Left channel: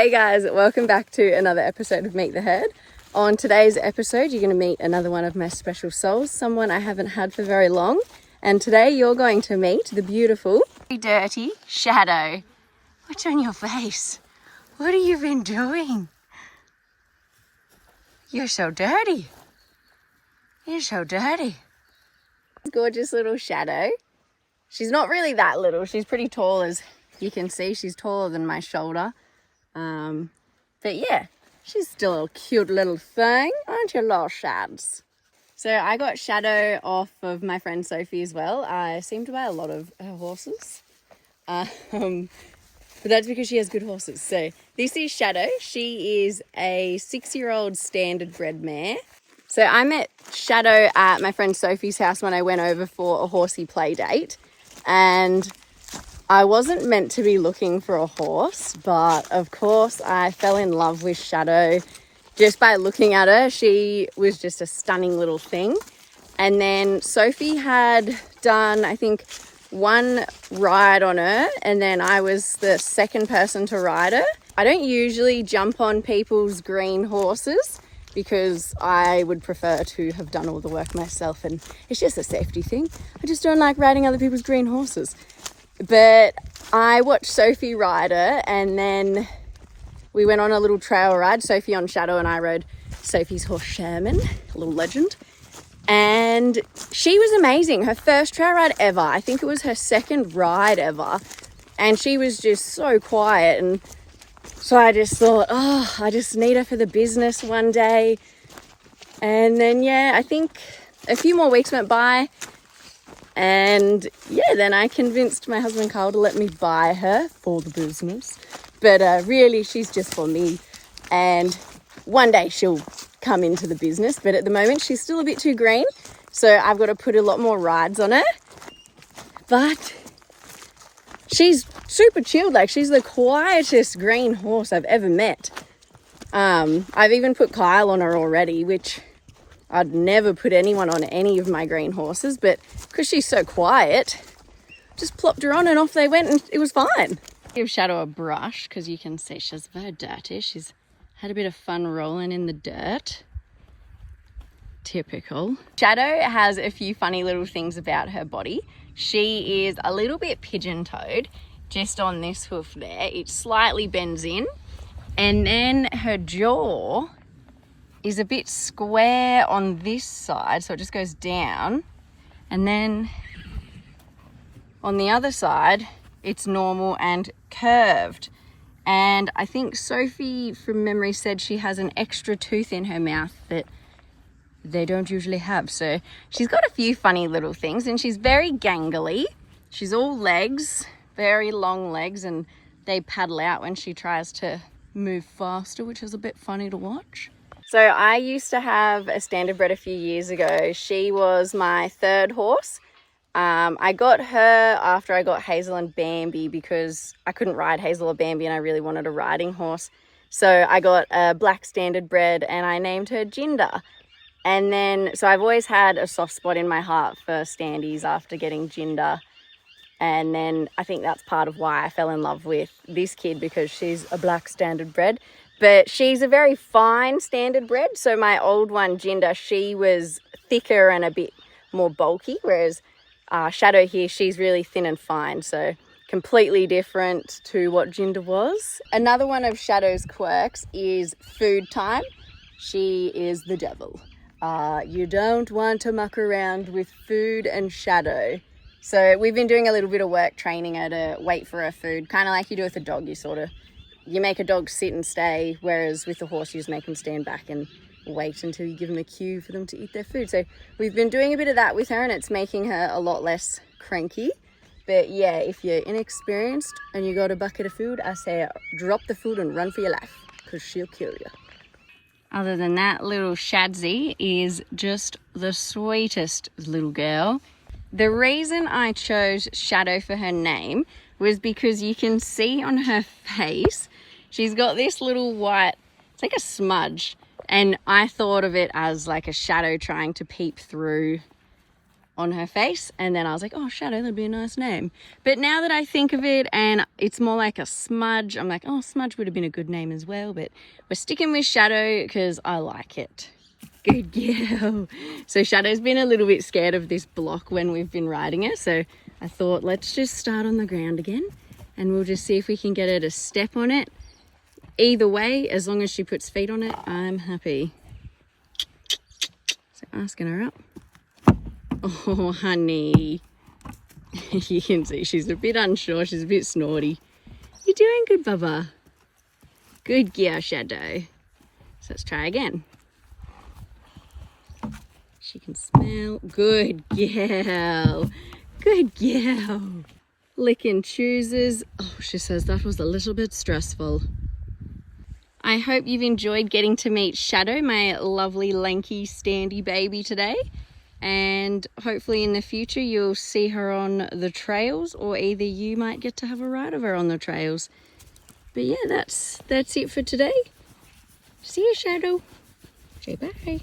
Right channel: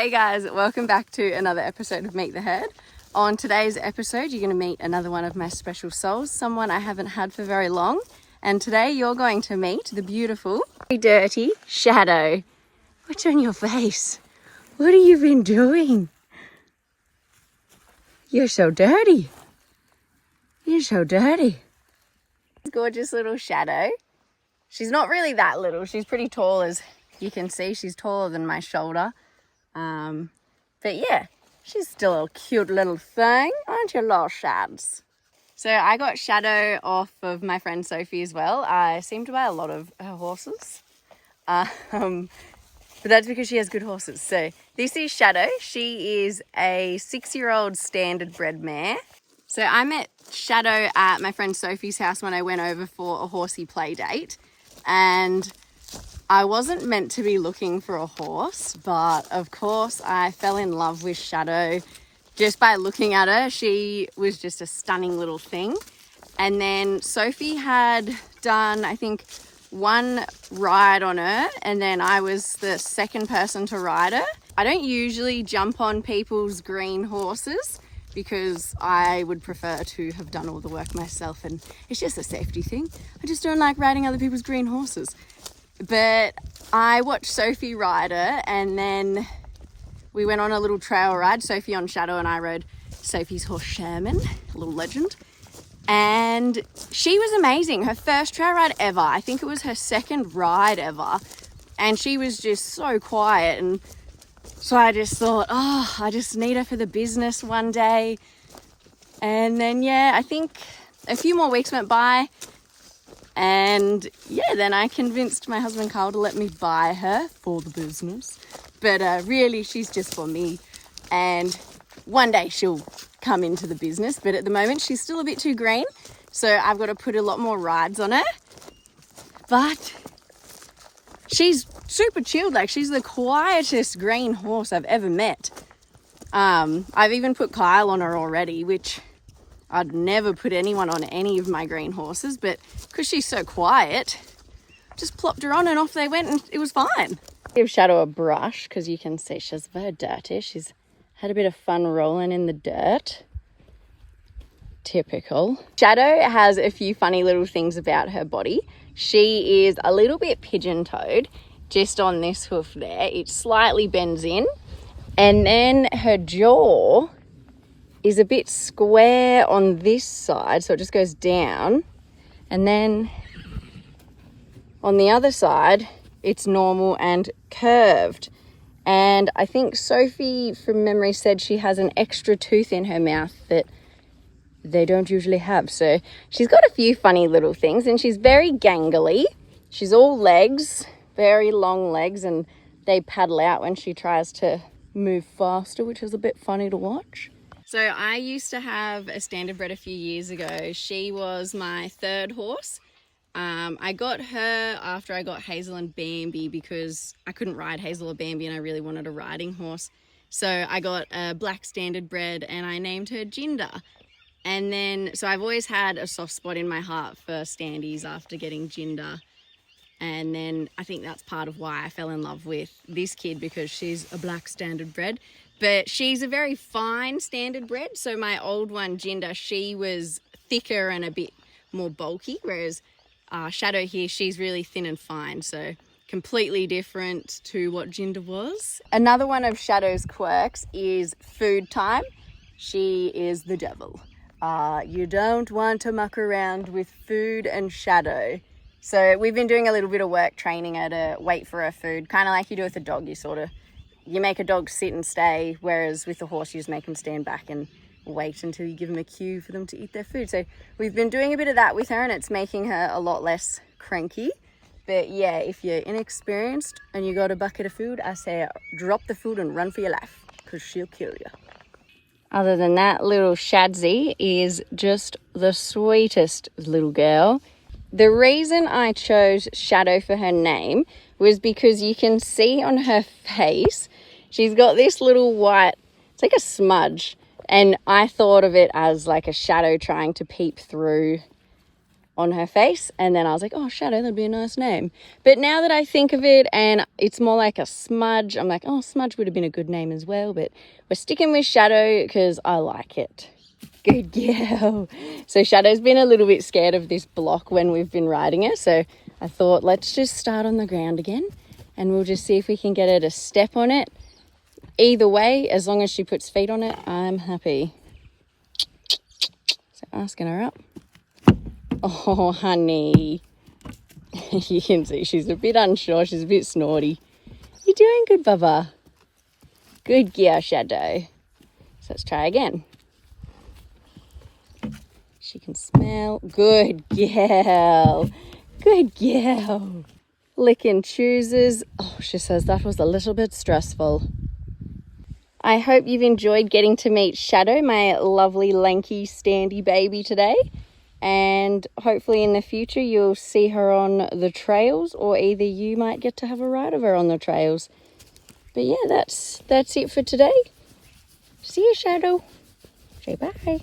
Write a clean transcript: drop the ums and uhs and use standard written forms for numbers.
Hey guys, welcome back to another episode of Meet the Herd. On today's episode, you're going to meet another one of my special souls, someone I haven't had for very long. And today you're going to meet the beautiful, dirty Shadow. What's on your face? What have you been doing? You're so dirty. You're so dirty. Gorgeous little Shadow. She's not really that little. She's pretty tall, as you can see. She's taller than my shoulder. But yeah, she's still a cute little thing, aren't you, little Shads? So I got Shadow off of my friend Sophie as well. I seem to buy a lot of her horses. But that's because she has good horses. So this is Shadow. She is a 6-year-old standard bred mare. So I met Shadow at my friend Sophie's house when I went over for a horsey play date. And I wasn't meant to be looking for a horse, but of course I fell in love with Shadow just by looking at her. She was just a stunning little thing. And then Sophie had done, I think, one ride on her, and then I was the second person to ride her. I don't usually jump on people's green horses because I would prefer to have done all the work myself, and it's just a safety thing. I just don't like riding other people's green horses. But I watched Sophie ride her, and then we went on a little trail ride. Sophie on Shadow and I rode Sophie's horse Sherman, a little legend. And she was amazing. Her first trail ride ever. I think it was her second ride ever. And she was just so quiet. And so I just thought, oh, I just need her for the business one day. And then, yeah, I think a few more weeks went by. And yeah, then I convinced my husband Carl to let me buy her for the business. But really, she's just for me. And one day she'll come into the business. But at the moment, she's still a bit too green. So I've got to put a lot more rides on her. But she's super chilled. Like, she's the quietest green horse I've ever met. I've even put Kyle on her already, which I'd never put anyone on any of my green horses. But because she's so quiet, just plopped her on and off they went, and it was fine. Give Shadow a brush because you can see she's very dirty. She's had a bit of fun rolling in the dirt. Typical. Shadow has a few funny little things about her body. She is a little bit pigeon-toed just on this hoof there. It slightly bends in, and then her jaw is a bit square on this side, so it just goes down, and then on the other side it's normal and curved. And I think Sophie from memory said she has an extra tooth in her mouth that they don't usually have. So she's got a few funny little things, and she's very gangly. She's all legs, very long legs, and they paddle out when she tries to move faster, which is a bit funny to watch. So I used to have a standard bred a few years ago. She was my third horse. I got her after I got Hazel and Bambi because I couldn't ride Hazel or Bambi and I really wanted a riding horse. So I got a black standard bred and I named her Jinder. And then, so I've always had a soft spot in my heart for standies after getting Jinder. And then I think that's part of why I fell in love with this kid, because she's a black standard bred. But she's a very fine standard bred. So my old one, Jinder, she was thicker and a bit more bulky, whereas Shadow here, she's really thin and fine. So completely different to what Jinder was. Another one of Shadow's quirks is food time. She is the devil. You don't want to muck around with food and Shadow. So we've been doing a little bit of work training her to wait for her food, kind of like you do with a dog. You make a dog sit and stay, whereas with a horse you just make them stand back and wait until you give them a cue for them to eat their food. So we've been doing a bit of that with her, and it's making her a lot less cranky. But yeah, if you're inexperienced and you got a bucket of food, I say drop the food and run for your life, because she'll kill you. Other than that, little Shadsy is just the sweetest little girl. The reason I chose Shadow for her name was because you can see on her face, she's got this little white, it's like a smudge. And I thought of it as like a shadow trying to peep through on her face, and then I was like, oh, Shadow, that'd be a nice name. But now that I think of it and it's more like a Smudge, I'm like, oh, Smudge would have been a good name as well, but we're sticking with Shadow because I like it. Good girl. So Shadow's been a little bit scared of this block when we've been riding her, so I thought let's just start on the ground again and we'll just see if we can get her to step on it. Either way, as long as she puts feet on it, I'm happy. So asking her up. Oh, honey. You can see she's a bit unsure. She's a bit snorty. You're doing good, Bubba. Good girl, Shadow. So let's try again. She can smell. Good girl. Good girl. Licking chooses. Oh, she says that was a little bit stressful. I hope you've enjoyed getting to meet Shadow, my lovely lanky standy baby today. And hopefully in the future you'll see her on the trails, or either you might get to have a ride of her on the trails. But yeah, that's it for today. See you, Shadow. Say bye.